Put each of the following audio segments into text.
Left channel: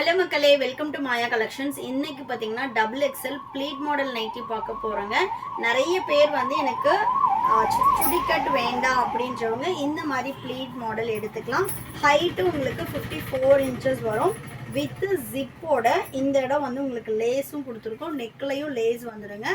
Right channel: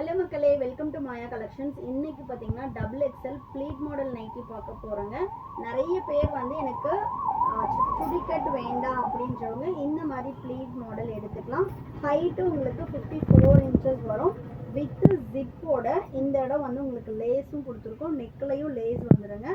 Hello மக்களே, welcome to Maya collections. இன்னைக்கு பார்த்தீங்கன்னா double XL pleat model nighty பார்க்க போகிறோங்க. நிறைய பேர் வந்து எனக்கு சுடிக்கட் வேண்டாம் அப்படின்றவங்க இந்த மாதிரி ப்ளீட் மாடல் எடுத்துக்கலாம். ஹைட்டு உங்களுக்கு 54 இன்ச்சஸ் வரும். வித் ஜிப்போட இந்த இடம் வந்து உங்களுக்கு லேஸும் கொடுத்துருக்கோம். நெக்லையும் லேஸ் வந்துடுங்க.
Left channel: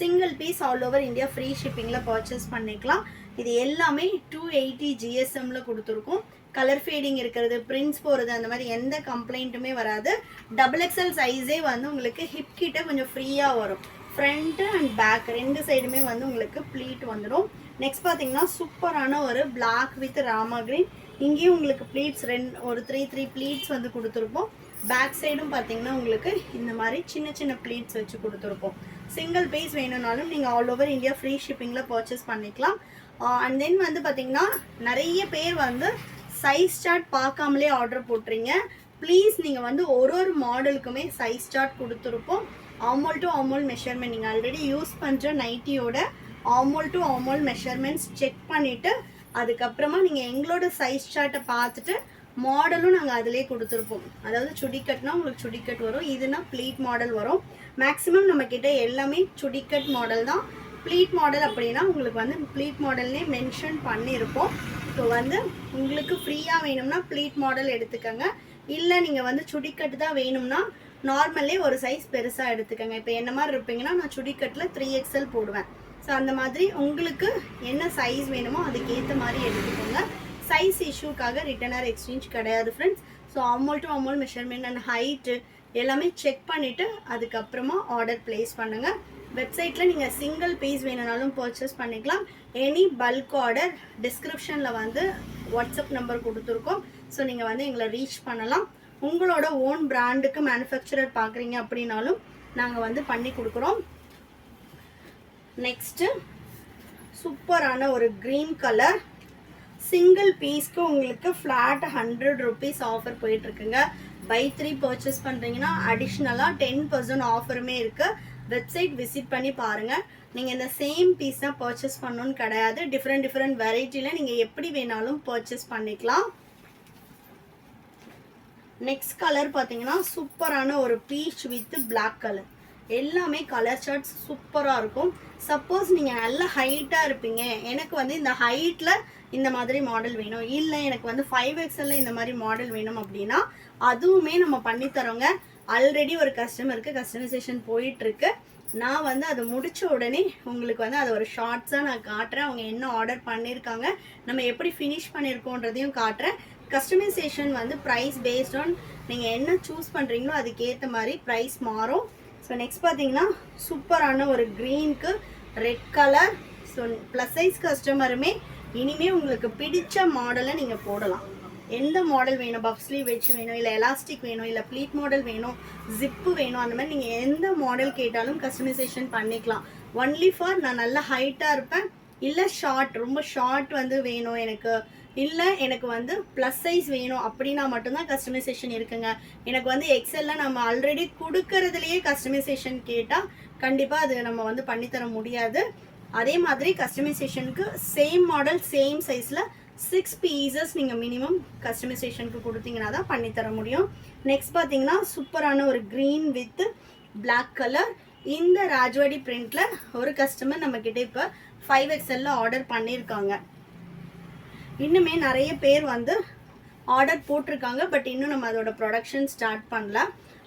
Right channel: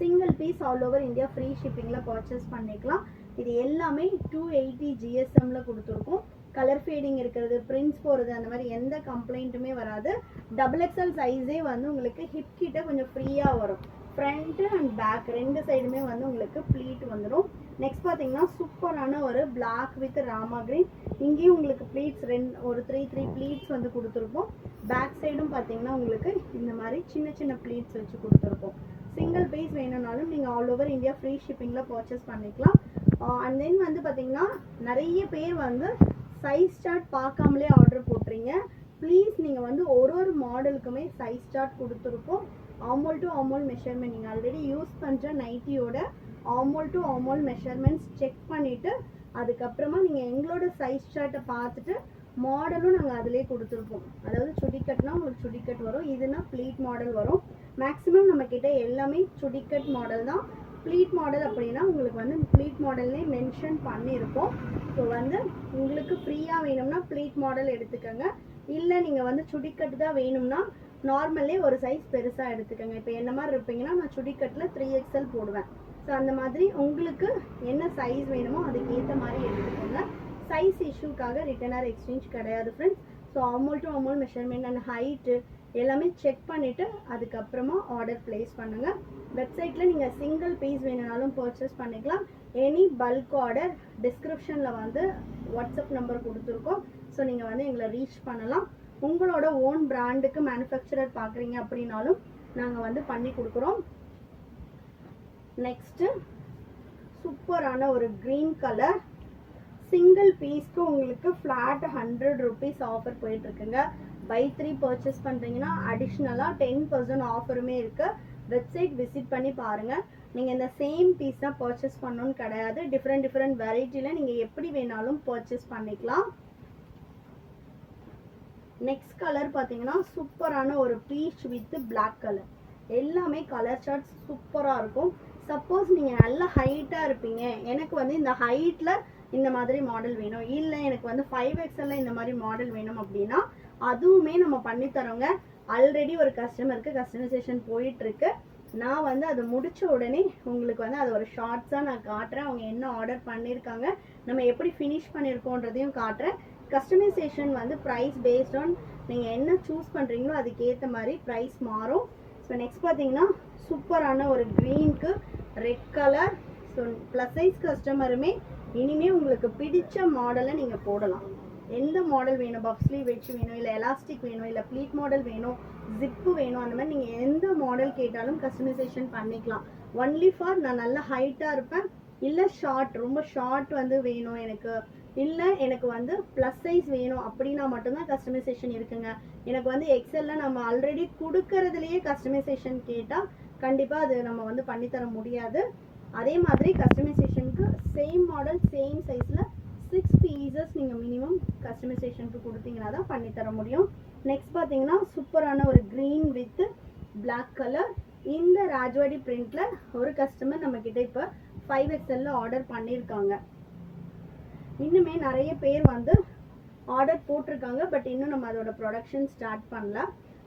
Single piece all over India free ஷிப்பிங்கில் பர்ச்சேஸ் பண்ணிக்கலாம். இது எல்லாமே 280 GSMல கொடுத்துருக்கோம். கலர் ஃபேடிங் இருக்கிறது, பிரிண்ட்ஸ் போகிறது, அந்த மாதிரி எந்த கம்ப்ளைண்ட்டுமே வராது. டபுள் எக்ஸல் சைஸே வந்து உங்களுக்கு ஹிப் கிட்ட கொஞ்சம் ஃப்ரீயாக வரும். ஃப்ரண்ட்டு அண்ட் பேக் ரெண்டு சைடுமே வந்து உங்களுக்கு ப்ளீட் வந்துடும். நெக்ஸ்ட் பார்த்தீங்கன்னா சூப்பரான ஒரு பிளாக் வித் ராமா கிரீன். இங்கேயும் உங்களுக்கு ப்ளீட்ஸ் ஒரு த்ரீ ப்ளீட்ஸ் வந்து கொடுத்துருப்போம். பேக் சைடும் பார்த்தீங்கன்னா உங்களுக்கு இந்த மாதிரி சின்ன சின்ன ப்ளீட்ஸ் வச்சு கொடுத்துருப்போம். சிங்கிள் பீஸ் வேணும்னாலும் நீங்கள் ஆல் ஓவர் இந்தியா ஃப்ரீ ஷிப்பிங்கில் பர்ச்சேஸ் பண்ணிக்கலாம். அண்ட் தென் வந்து பார்த்தீங்கன்னா நிறைய பேர் வந்து சைஸ் சார்ட் பார்க்காமலே ஆர்டர் போட்டுறீங்க. ப்ளீஸ் நீங்கள் வந்து ஒரு மாடலுக்குமே சைஸ் சார்ட் கொடுத்துருப்போம். ஆமோல் டு ஆமோல் மெஷர்மெண்ட் நீங்கள் ஆல்ரெடி யூஸ் பண்ணுற நைட்டியோட armhole to armhole measurements check பண்ணிவிட்டு அதுக்கப்புறமா நீங்கள் எங்களோட சைஸ் சார்ட்டை பார்த்துட்டு மாடலும் நாங்கள் அதிலே கொடுத்துருப்போம். அதாவது சுடிக்கட்னா உங்களுக்கு சுடிக்கட் வரும், இதுனா ப்ளீட் மாடல் வரும். மேக்ஸிமம் நம்மக்கிட்ட எல்லாமே சுடிக்கட் மாடல் தான். ப்ளீட் மாடல் அப்படின்னா உங்களுக்கு வந்து ப்ளீட் மாடல்லே மென்ஷன் பண்ணியிருப்போம். ஸோ வந்து உங்களுக்கு ஃப்ரீயாக வேணும்னா ப்ளீட் மாடல் எடுத்துக்கோங்க. இல்லை நீங்கள் வந்து சுடிக்கட்டு தான் வேணும்னா நார்மலே ஒரு சைஸ் பெருசாக எடுத்துக்கோங்க. இப்போ என்ன மாதிரி இருப்பீங்கன்னா நான் சுடிக்கட்டில் 3XL போடுவேன். ஸோ அந்த மாதிரி உங்களுக்கு என்ன சைஸ் வேணுமோ அதுக்கேற்ற மாதிரி எடுத்துக்கோங்க. சைஸ் இஷ்யூக்காக ரிட்டன் ஆர் எக்ஸ்சேஞ்ச் கிடையாது friends. So armhole to armhole measurement and height எல்லாமே செக் பண்ணிவிட்டு அதுக்கப்புறமா ஆர்டர் ப்ளேஸ் பண்ணுங்கள். வெப்சைட்டில் நீங்கள் சிங்கிள் பீஸ் வேணுனாலும் பர்ச்சேஸ் பண்ணிக்கலாம். எனி பல்க் ஆர்டர் டிஸ்கிரிப்ஷனில் வந்து வாட்ஸ்அப் நம்பர் கொடுத்துருக்கோம். ஸோ நீங்கள் வந்து எங்களை ரீச் பண்ணலாம். உங்களோட ஓன் பிராண்டுக்கு மேனுஃபேக்சரர் பார்க்குறீங்க அப்படின்னாலும் நாங்கள் வந்து பண்ணி கொடுக்குறோம். நெக்ஸ்ட்டு சூப்பரான ஒரு க்ரீன் கலர் சிங்கிள் பீஸ்க்கு உங்களுக்கு ஃப்ளாட் 100 rupees ஆஃபர் போயிட்டுருக்குங்க. பை 3 பர்ச்சேஸ் பண்ணுறீங்கன்னா அடிஷ்னலாக 10% ஆஃபருமே இருக்குது. வெப்சைட் விசிட் பண்ணி பாருங்கள். நீங்கள் இந்த சேம் பீஸ் தான் பர்ச்சேஸ் பண்ணணும்னு கிடையாது. டிஃப்ரெண்ட் வெரைட்டியில் நீங்கள் எப்படி வேணாலும் பர்ச்சேஸ் பண்ணிக்கலாம். நெக்ஸ்ட் கலர் பார்த்தீங்கன்னா சூப்பரான ஒரு பீச் வித் பிளாக் கலர். எல்லாமே கலர் சார்ட்ஸ் சூப்பராக இருக்கும். சப்போஸ் நீங்கள் நல்ல ஹைட்டாக இருப்பீங்க, எனக்கு வந்து இந்த ஹைட்டில் இந்த மாதிரி மாடல் வேணும், இல்லை எனக்கு வந்து 5XL இந்த மாதிரி மாடல் வேணும் அப்படின்னா அதுவுமே நம்ம பண்ணித்தரோங்க. ஆல்ரெடி ஒரு கஸ்டமருக்கு கஸ்டமைசேஷன் போயிட்டுருக்கு. நான் வந்து அதை முடித்த உடனே உங்களுக்கு வந்து அதை ஒரு ஷார்ட்ஸாக நான் காட்டுறேன். அவங்க என்ன ஆர்டர் பண்ணியிருக்காங்க, நம்ம எப்படி ஃபினிஷ் பண்ணியிருக்கோன்றதையும் காட்டுறேன். கஸ்டமைசேஷன் வந்து ப்ரைஸ் பேஸ்ட் ஆன் நீங்கள் என்ன சூஸ் பண்ணுறீங்களோ அதுக்கேற்ற மாதிரி ப்ரைஸ் மாறும். ஸோ நெக்ஸ்ட் பார்த்தீங்கன்னா சூப்பரான ஒரு க்ரீனுக்கு red colour. So plus size கஸ்டமருமே இனிமேல் உங்களுக்கு பிடிச்ச மாடலை நீங்கள் போடலாம். எந்த மாடல் வேணும், பஃப் ஸ்லீவ் வச்சு வேணும், இல்லை எலாஸ்டிக் வேணும், இல்லை ப்ளீட் மாடல் வேணும், ஜிப்பு வேணும், அந்த மாதிரி நீங்கள் எந்த மாடல் கேட்டாலும் கஸ்டமைசேஷன் பண்ணிக்கலாம். ஒன்லி ஃபார் நான் நல்ல ஹைட்டாக இருப்பேன், இல்லை ஷார்ட் ரொம்ப ஷார்ட் வந்து வேணும் எனக்கு, இல்லை எனக்கு வந்து ப்ளஸ் சைஸ் வேணும் அப்படின்னா மட்டும்தான் கஸ்டமைசேஷன் இருக்குங்க. எனக்கு வந்து எக்ஸலில் நம்ம ஆல்ரெடி கொடுக்கறதுலையே கஸ்டமைசேஷன் கேட்டால் கண்டிப்பாக அது நம்ம வந்து பண்ணித்தர முடியாது. அதே மாதிரி கஸ்டமைசேஷனுக்கு சேம் மாடல் சேம் சைஸில் 6 pieces நீங்கள் மினிமம் கஸ்டமைசேஷனுக்கு கொடுத்தீங்கன்னா தான் பண்ணித்தர முடியும். நெக்ஸ்ட் பார்த்தீங்கன்னா சூப்பரான ஒரு க்ரீன் வித் பிளாக் கலர். இந்த ராஜ்வாடி பிரிண்டில் ஒரு கஸ்டமர் நம்மக்கிட்ட இப்போ 5XL ஆர்டர் பண்ணியிருக்காங்க. இன்னுமே நிறைய பேர் வந்து ஆர்டர் போட்டிருக்காங்க. பட் இன்னும் நம்ம அதோட ப்ரொடக்ஷன் ஸ்டார்ட் பண்ணல.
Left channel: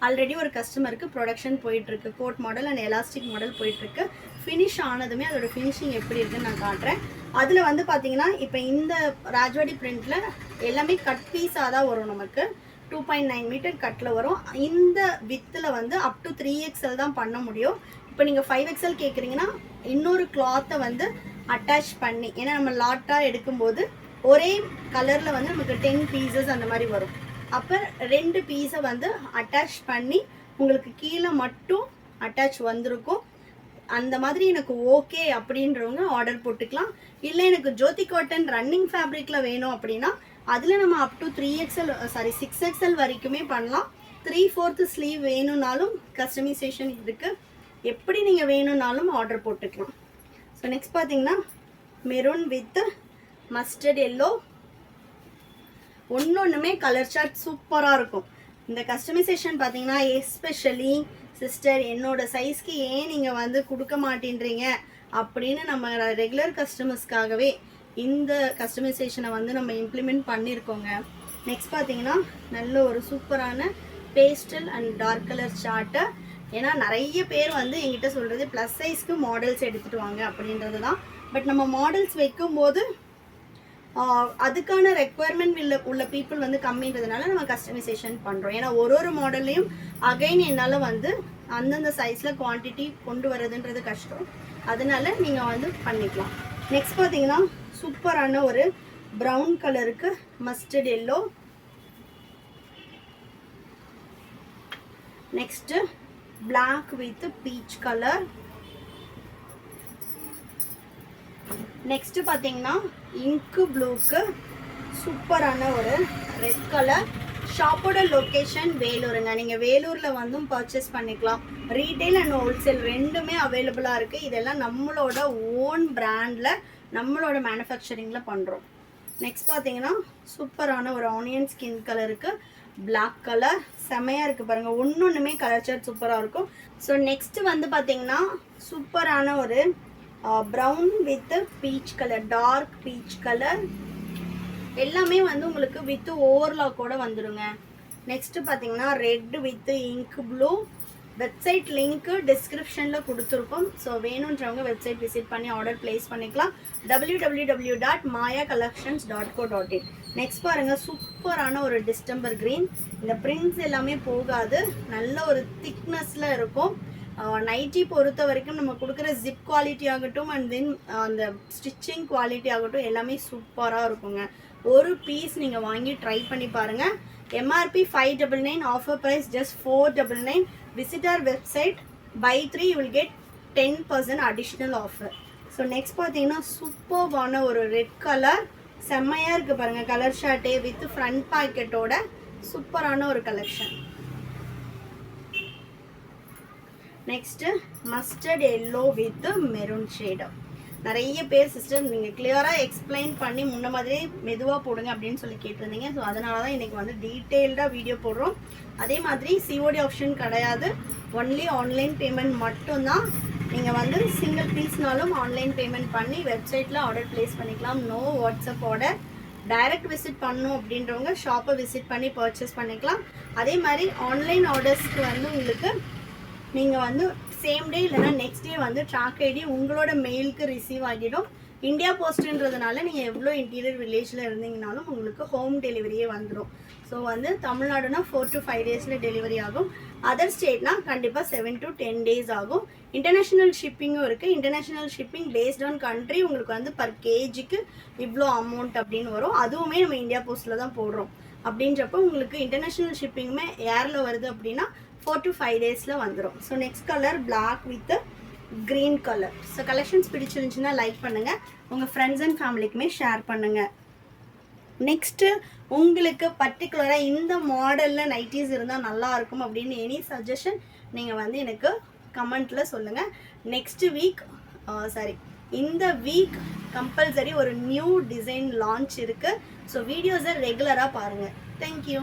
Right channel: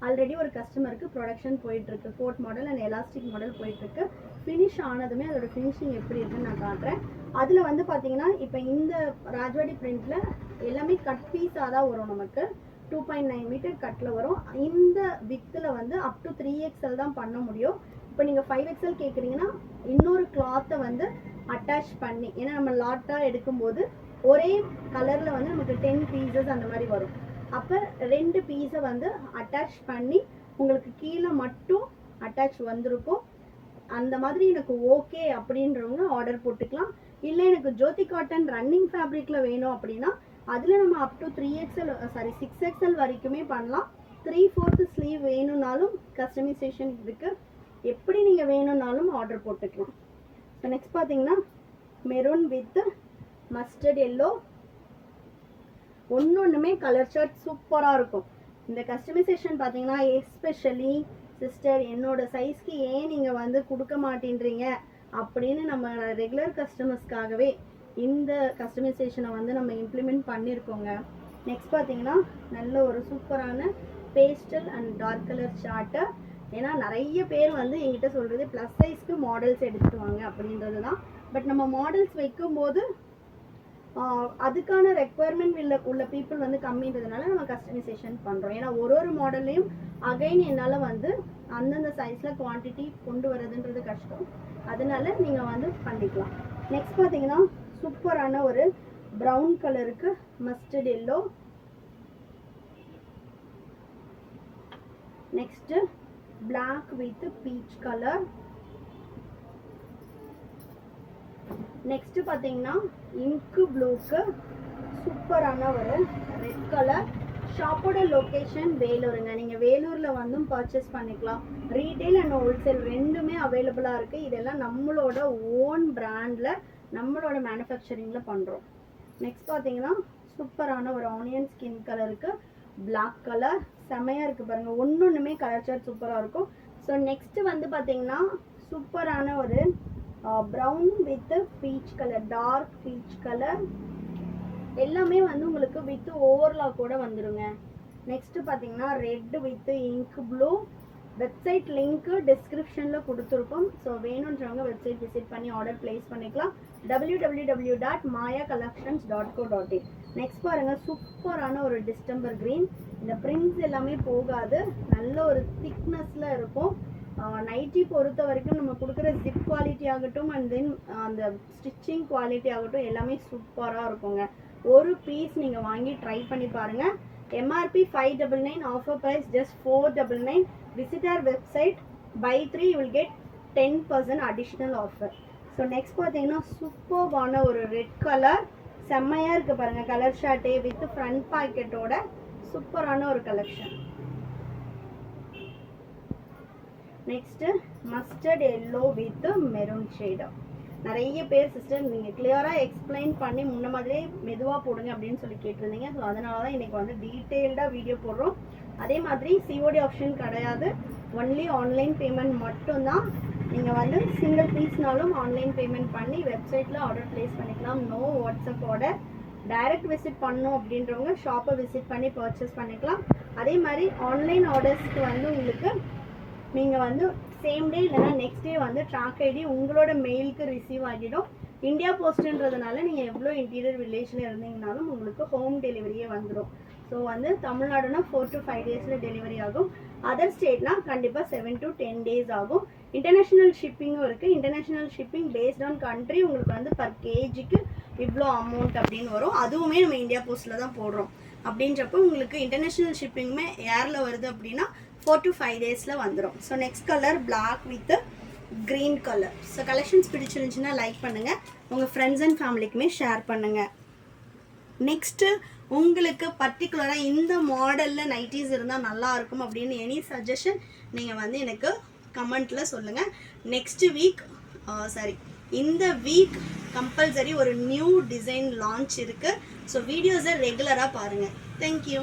ஆல்ரெடி ஒரு கஸ்டமருக்கு ப்ரொடக்ஷன் போயிட்டுருக்கு. Code model and elastic model போயிட்டுருக்கு. ஃபினிஷ் ஆனதுமே அதோட ஃபினிஷிங் எப்படி இருக்குன்னு நான் காட்டுறேன். அதில் வந்து பார்த்தீங்கன்னா இப்போ இந்த ராஜ்வாடி பிரிண்டில் எல்லாமே கட் பீஸாக தான் வரும். நமக்கு 2.9 மீட்டர் கட்டில் வரும். இந்த வித்தில் வந்து அப் டு 3XL தான் பண்ண முடியும். இப்போ நீங்கள் 5XL கேட்குறீங்கன்னா இன்னொரு கிளாத்தை வந்து அட்டாச் பண்ணி, ஏன்னா நம்ம லாட்டாக எடுக்கும்போது ஒரே கலரில் வந்து நமக்கு 10 pieces அந்த மாதிரி வரும். அப்போ 2 பீஸை வந்து அட்டாச் பண்ணி உங்களுக்கு கீழே மட்டும் அட்டாச் வந்திருக்கும். அந்த மாதிரி எனக்கு ஓகே அப்படின்றவங்க ஆர்டர் போட்டுக்கலாம். இல்லை எனக்கு ஜோதி காட்டன் ரன்னிங் ஃபேப்ரிக்கில் வேணும் அப்படின்னா அதில் நம்ம அப் டு 6XL வரைக்குமே பண்ணலாம். 3/4 ஸ்லீவ் வேணும்னாலும் கஸ்டமைசேஷன் இருக்குது. எப்படி நீங்கள் வேணும்னாலும் ஆர்டர் போட்டுக்கலாம். ஸோ நெக்ஸ்ட் பார்த்தீங்கன்னா மெரூன் வித் மஸ்டர்ட் எல்லோ. ஒன்றுமே கலர் சார்ட் சூப்பராக இருக்கும். இந்த கஸ்டமைசேஷன் பார்த்தீங்கன்னா எஸ்பெஷலி சிஸ்டர் என்னோட சைஸ்க்கு ஏன் நீங்கள் வந்து கொடுக்க மாட்டேன்றீங்க அப்படின்னு நம்ம ரெகுலர் கஸ்டமர்ஸ்க்காகவே இந்த கஸ்டமைசேஷனை வந்து நம்ம இம்ப்ளிமெண்ட் பண்ணியிருக்கோங்க. நெக்ஸ்ட் பார்த்தீங்கன்னா நல்ல ஒரு சூப்பரான பேஸ்டல் அண்ட் டார்க் கலர் சார்ட்டை. ஏன்னா நிறைய பேர் வந்து எங்கிட்ட சொல்கிறது ப்ளஸ் சைஸ்க்கு மாடல்ஸ் எடுத்துகிட்டு வாங்க அப்படின்றது தான். பட் நம்ம மாடல்ஸ் வைக்கும்போது அதுக்கான ரெக்குவயர்மெண்ட் உள்ள பீப்புள் வந்து கம்மின்றதுனால நம்ம கஸ்டமைசேஷன் பண்ணுறோம். ஏன்னா ஒரு மாடல்லையும் அகைன் என்னால் வந்து அந்தந்த சைஸில் குவான்டிட்டி கொண்டு வரதுன்றது கஷ்டம். அதனால நீங்கள் வந்து பண்ணிக்கலாம். நெக்ஸ்ட் பார்த்தீங்கன்னா சூப்பரான ஒரு ப்ரௌன் கலருக்கு mustard yellow. Next black with peach colour. Next பார்த்தீங்கன்னா இங்கு ப்ளூக்கு சூப்பரான ஒரு ரெட் கலர். ஷாப்போட லொக்கேஷன் வேலூருங்க. நீங்கள் வேலூரில் வந்தும் பர்ச்சேஸ் பண்ணிக்கலாம். ரீட்டைல் அண்ட் ஹோல்சேல் ரெண்டுமே அவைலபிளாக இருக்குது. இதெல்லாம் நம்மளோட ஓன் பிராண்டில் நம்மளோட மேனுஃபேக்சரிங்கில் பண்ணுறோம். நெக்ஸ்ட் பார்த்தீங்கன்னா சூப்பரான ஒரு ஆனியன் ஸ்கின் கலருக்கு பிளாக் கலர் செம்மையாக இருக்குது பாருங்கள். ஒன்றுமே கலர் சார்ட் சூப்பராக இருக்கும். ஸோ நெக்ஸ்ட் வந்து பார்த்தீங்கன்னா சூப்பரான ஒரு brown with peach colour, dark peach colour. எல்லாமே வந்து உங்களுக்கு வித் ஓவர்லாக் கூட வந்துடுங்க. நெக்ஸ்ட் பார்த்தீங்கன்னா red with ink blue. Website link டிஸ்கிரிப்ஷனில் கொடுத்துருக்கோம். ஸோ வேணுன்றவங்க வெப்சைட் விசிட் பண்ணி ஆர்டர் பிளேஸ் பண்ணிக்கலாம். www.mayacollections.co.in. நெக்ஸ்ட் பாருங்கள் சூப்பரான ஒரு டிஸ்டம்பர் க்ரீன். இந்த பிரிண்ட்ஸ் எல்லாமே போகாது, நல்ல ஒரு திக்னஸில் இருக்கும். நைட்டி பொறுத்த வரைக்கும் நம்ம கொடுக்குற ஜிப் குவாலிட்டி ஆகட்டும் அண்ட் தென் அந்த ஸ்டிச்சிங் குவாலிட்டி ஆகட்டும் எல்லாமே சூப்பராக இருக்குங்க. ஒரு பீஸ் நீங்கள் வாங்கி ட்ரை பண்ணி பாருங்கள். MRP 599, offer price just 499. Visit our website, buy 3 you will get 10% additional offer. So next பார்த்தீங்கன்னா சூப்பர்வான ஒரு ரெட் கலர் செம்மையாக இருக்குது பாருங்கள். கலர் ஷார்ட்டே வித் ஃப்ரண்ட் பாக்கெட்டோட சூப்பரான ஒரு collection. Next mustard yellow with maroon shade. நிறைய பேர் சிஸ்டர் நீங்கள் கிளியராக எக்ஸ்பிளைன் பண்ணி முன்ன மாதிரியே மெதுவாக போடுங்க அப்படின்னு சொல்லி கேட்டிருந்தீங்க. ஸோ அதனால தான் இன்றைக்கி வந்து டீட்டெயில்டாக வீடியோ போடுறோம். அதே மாதிரி COD ஆப்ஷன் கிடையாது, ஒன்லி ஆன்லைன் பேமெண்ட் மட்டும்தான். நீங்கள் வந்து சிங்கிள் பீஸ்னாலும் ஆன்லைன் பேமெண்ட் பண்ணி வெப்சைட்டில் ஆர்டர் ப்ளேஸ் பண்ணிக்கலாம். No WhatsApp order. Direct visit பண்ணணும் அப்படின்றவங்க ஷாப்பை விசிட் பண்ணி பர்ச்சேஸ் பண்ணிக்கலாம். அதே மாதிரி ஆன்லைன் ஆர்டர்ஸ்க்கு வந்து உங்களுக்கு நீங்கள் வந்து சேம் டே இல்லைனா நெக்ஸ்ட் டே வந்து ட்ராக் ஐடி உங்களோட மெயிலுக்கு ரிசீவ் ஆகிடும். இந்தியா போஸ்ட்டுன்றதுனால நீங்கள் எவ்வளோ இன்டீரியர் வில்லேஜில் இருந்தீங்கனாலும் உங்களுக்கு ஹோம் டெலிவரியே வந்துடும். ஸோ வந்து தமிழ்நாடுனா 4 to 5 டேஸில் டெலிவரி ஆகும். அதர் ஸ்டேட்னா கண்டிப்பாக 7 to 10 days ஆகும். இன்டர்நேஷ்னல் ஷிப்பிங்கும் இருக்குது. International shipping based on country உங்களுக்கு வந்து பர் கேஜிக்கு இவ்வளோ அமௌண்ட் அப்படின்னு வரும். அதுவுமே நம்ம இந்தியா போஸ்ட்டில் தான் போடுறோம். அப்படின்றப்போ உங்களுக்கு இன்டர்நேஷ்னல் ஷிப்பிங்குமே ஏரில் வருது அப்படின்னா 4 to 5 டேஸில் வந்துடும். So next colour black with green colour. So collections பிடிச்சிருந்துச்சுன்னா லைக் பண்ணுங்கள், உங்கள் ஃப்ரெண்ட்ஸ் அண்ட் ஃபேமிலிக்குமே ஷேர் பண்ணுங்கள். நெக்ஸ்ட்டு உங்களுக்கு பர்டிகுலராக இந்த மாடலில் நைட்டிஸ் இருந்தால் நல்லாயிருக்கும் அப்படின்னு எனி சஜஷன் நீங்கள் வந்து எனக்கு கமெண்ட்டில் சொல்லுங்கள். நெக்ஸ்ட் வீக் இந்த வீக் கம்பல்சரி ஒரு நியூ டிசைன் லான்ச் இருக்குது. ஸோ வீடியோஸை ரெகுலராக பாருங்கள். தேங்க்யூ.